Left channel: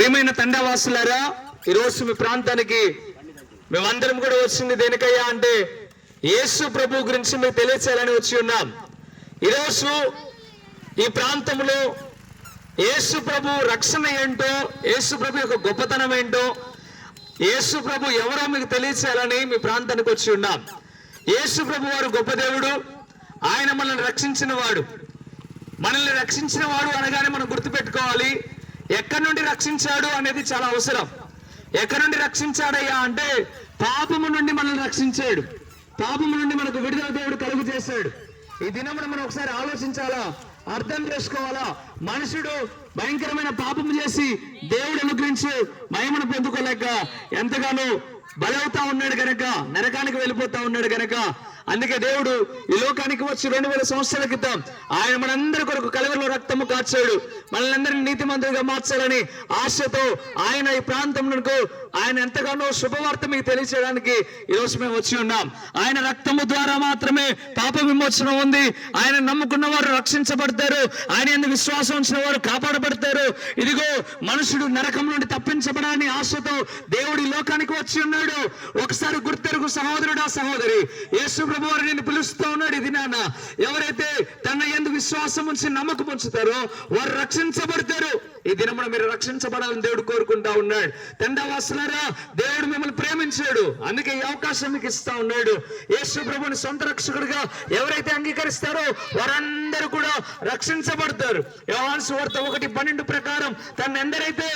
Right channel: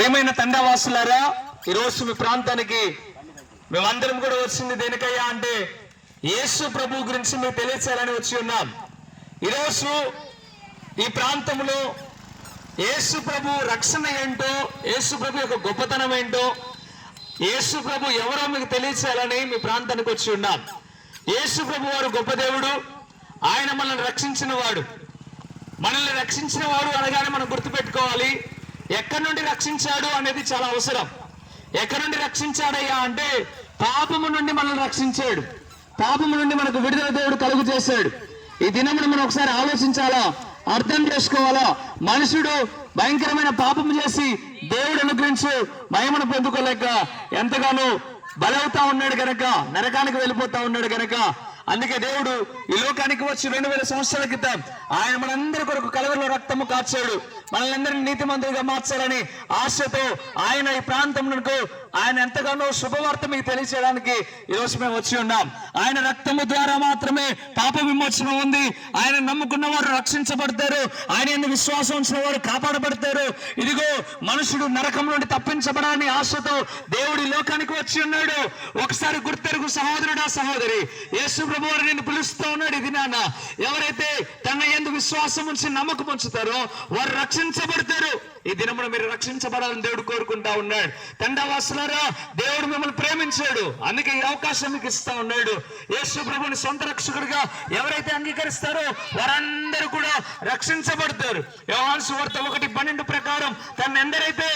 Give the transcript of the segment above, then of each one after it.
ప్రియమైన తండావాసులారా, ఈరోజు మీ ప్రాంతానికి మేమందరం కూడా వచ్చింది దేనికయ్యా అంటే యేసు ప్రభు గురించి మీకు తెలియచేయాలని వచ్చి ఉన్నాం. ఈరోజు ఈ ప్రాంతంలో యేసు ప్రభు రక్షణ ఏంటో, యేసు ప్రభు యొక్క గొప్పతనం ఏంటో, యేసు ప్రభు ఎవరో మీకు తెలియచేయాలని మీ ప్రాంతానికి వచ్చి ఉన్నాం. యేసు ప్రభు వారు గొప్ప దేవుడు. ఆయన మనల్ని రక్షించిన వాడు. మనల్ని రక్షించిన వాడు అనగానే మనం గుర్తుపెట్టుకోవాలి, ఎక్కడి నుండి రక్షించాడు అనేది చాలా అవసరం. ఎక్కడి నుండి రక్షించాడయ్యా అంటే పాపము నుండి మనల్ని రక్షించాడు. పాపము నుండి మనకు విడుదల దేవుడు కలుగు చేశాడు. ఈ దినమును మనం ఒకసారి ఆలోచించాలా, అర్థం చేసుకోవాలా. మనుషుడు భయంకరమైన పాపము చేసి దేవుడు అనుగ్రహించి మహిమను పొందుకోలేక ఎంతగానో బలవుతా ఉన్నాడు గనక, నరకానికి వెళ్ళిపోతా ఉన్నాడు గనక, అందుకే దేవుడు ఈ లోకానికి వచ్చి 2000 సంవత్సరాల క్రితం ఆయన మనందరి కొరకు కలవరిలో రక్తము కార్చాడు. మనల్ని అందరినీ నీతిమంతులుగా మార్చాలని ఆశతో ఆయన ఈ ప్రాంతంలో ఆయన ఎంతగానో శుభవార్త మీకు తెలియచేయడానికి ఈరోజు మేము వచ్చి ఉన్నాం. ఆయన రక్తము ద్వారా మాత్రమే పాప విమోచన ఉంది. ఆయన నమ్ముకున్న వారు రక్షించబడతారు. ఆయన ఎందుకు విశ్వాసం ఉంచిన వారు కాపాడబడతారు. ఇదిగో మనుషుడు నరకం నుండి తప్పించబడాలని ఆశతో దేవుడి లోకానికి వచ్చి ఉన్నాడు. ఒకసారి గుర్తెరుగు సహోదరుడా, సహోదరి, యేసు ప్రభు వారు నిన్ను పిలుస్తూ ఉన్నాడు. ఇది నాన్న, ఎవరైతే తన యందు విశ్వాసం ఉంచి నమ్మకం ఉంచుతారో వారు రక్షించబడతారు. ఈ దినమున మీరు రక్షించబడాలని దేవుడు కోరుకుంటా ఉన్నాడు. తండావాసులారా, దేవుడు మిమ్మల్ని ప్రేమించాడు, అందుకే ఈ అవకాశం మీకు ఇస్తా ఉన్నాడు. యేసు ప్రభుని సొంత రక్షకుడిగా ఎవరైతే అంగీకరిస్తారో వారందరూ కూడా రక్షించబడతారు. యోహాను సువార్త 1:12 ప్రకారం తను ఎందరైతే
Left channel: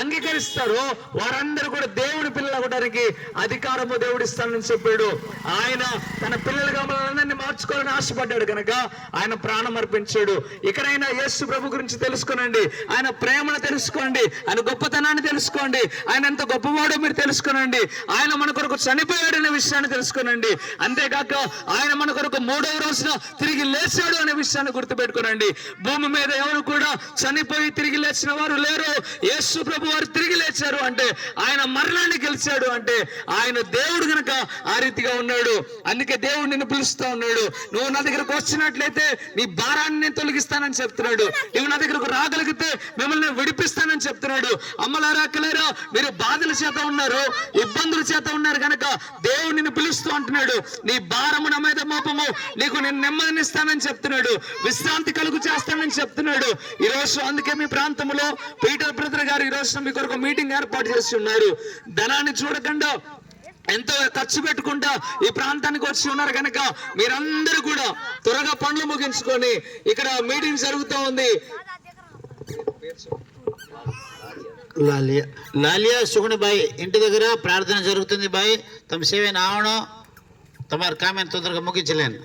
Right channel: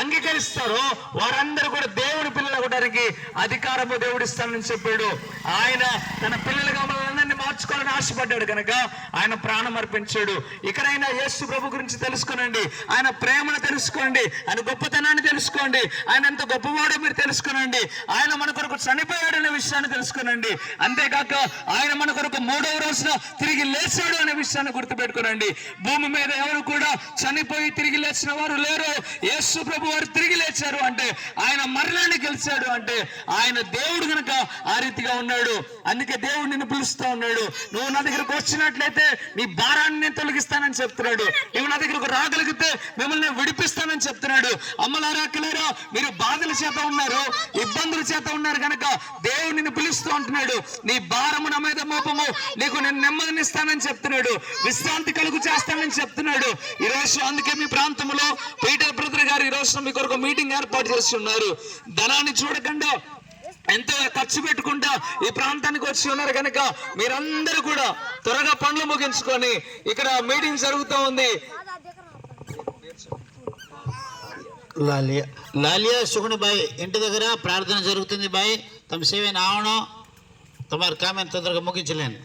అంగీకరిస్తారో వారందరూ కూడా దేవుని పిల్లలు అవ్వడానికి అధికారము దేవుడు ఇస్తానని చెప్పాడు. ఆయన తన పిల్లలుగా మనల్ని మార్చుకోవాలని ఆశపడ్డాడు కనుక ఆయన ప్రాణం అర్పించాడు. ఇకనైనా యేసు ప్రభు గురించి తెలుసుకోనండి, ఆయన ప్రేమను తెలుసుకోండి, ఆయన గొప్పతనాన్ని తెలుసుకోండి, ఆయన ఎంత గొప్పవాడో మీరు తెలుసుకోనండి. ఆయన మన కొరకు చనిపోయాడు అనే విషయాన్ని తెలుసుకోనండి. అంతేకాక ఆయన మన కొరకు 3వ రోజున తిరిగి లేచాడు అనే విషయాన్ని గుర్తుపెట్టుకోనండి. భూమి మీద ఎవరు కూడా చనిపోయి తిరిగి లేచిన వారు లేరు. యేసు ప్రభు వారు తిరిగి లేచారు అంటే ఆయన మరణాన్ని గెలిచాడు అంటే ఆయన దేవుడు గనక ఆ రీతిగా ఉన్నాడు. అందుకే దేవుడు నిన్ను పిలుస్తా ఉన్నాడు. నువ్వు నా దగ్గరకు వచ్చినట్లయితే నీ భారాన్ని నేను తొలగిస్తానని చెప్తున్నాడు. నువ్వు నా దగ్గరకు రాగలిగితే మిమ్మల్ని విడిపిస్తానని చెప్తున్నాడు. అమ్మలారా, అక్కలారా, మీరు బాధల చేత ఉన్నారు, ఇబ్బందుల చేత ఉన్నారు కనుక దేవుడు నిన్ను పిలుస్తూ అంటున్నాడు. నీ భారము నా మీద మోపము, నీకు నేను నెమ్మదినిస్తానని చెప్తున్నాడు. విశ్రాంతి కలుగు చేస్తానని చెప్తున్నాడు. ఈరోజు అందుకే మీ ప్రాంతంలో పీటర్ బ్రదర్ గారు ఈరోజు మీ కొరకు మీటింగ్ ఏర్పాటు చేసి ఉన్నారు. ధనాన్ని చూడకుండా ఎంతో ఖర్చు పెట్టుకుంటా ఈ ప్రాంతానికి వచ్చి ఉన్నారు కనుక మీరందరూ కూడా త్వరగా పనులు ముగించుకొని ఇక్కడ మీటింగ్ జరుగుతూ ఉంది. लालिया सुगुण भाई इंటి దగ్గర ప్రార్థన జరుగుతుంది. భాయ్ తమ సేవ నావణం తమ కామెంట్ తొందరగా ముగించలేను.